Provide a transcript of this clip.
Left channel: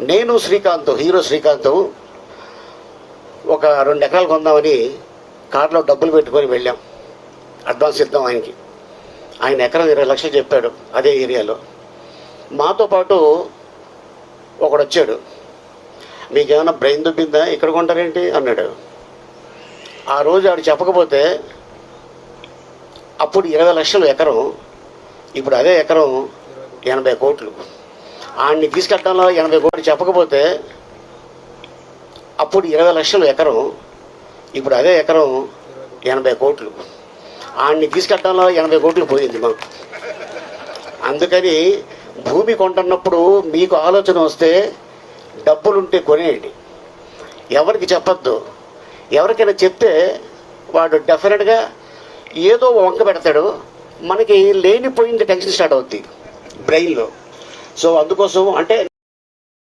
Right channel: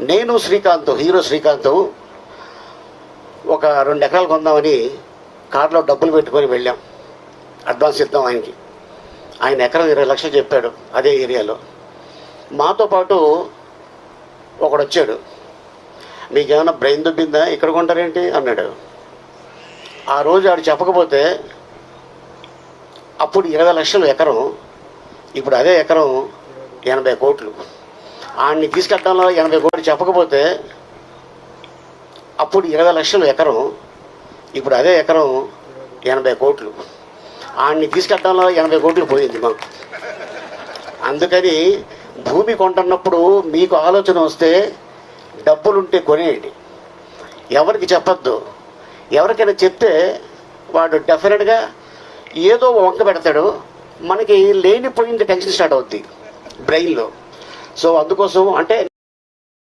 నేను శ్రీకాంత్, హీరో శ్రీకాంత్ ఒక 2 ఎకరాలు కొందామని కార్లో డబ్బులు పెట్టుకొని వెళ్ళాం. అడ్వాన్స్ ఇద్దాం ఆయనకి. ఆయన ఎకరం 20 లక్షలు చెప్పాడు అదే ఏరియాలో. మాతో పాటు ఒకడు వచ్చాడు. మీకేమైనా బ్రెయిన్ దుబ్బిందా, ఇక్కడ కొంటారేంటి అన్నాడు. ఆ రోజు ఆడు చెప్పకపోతే అప్పుడు 20 లక్షలు ఎకరం, ఇప్పుడు అదే ఎకరం 80 కోట్లు. ఆయన్ని తీసుకెళ్ళడంలో 80 కోట్లు చెప్పకపోతే అప్పుడు 20 లక్షలు ఎకరం, ఇప్పుడు అదే ఎకరం 80 కోట్లు. ఆయన్ని తీసుకెళ్ళడంలో 80 కోట్లు పోయింది మాకు. అందుకని భూమి కొంటున్నప్పుడు మీకు ఆలోచన వస్తే డబ్బులుంటే కొనేయండి, ఎవరికి చెప్పొద్దు. ఎవరికైనా చెప్తే వాడు డెఫినెట్గా ఏదో వంక పెడతాడు, మనకి లేనిపోయింది టెన్షన్ స్టార్ట్ అవుద్ది బ్రెయిన్లో. సో అందుకోసం అంటే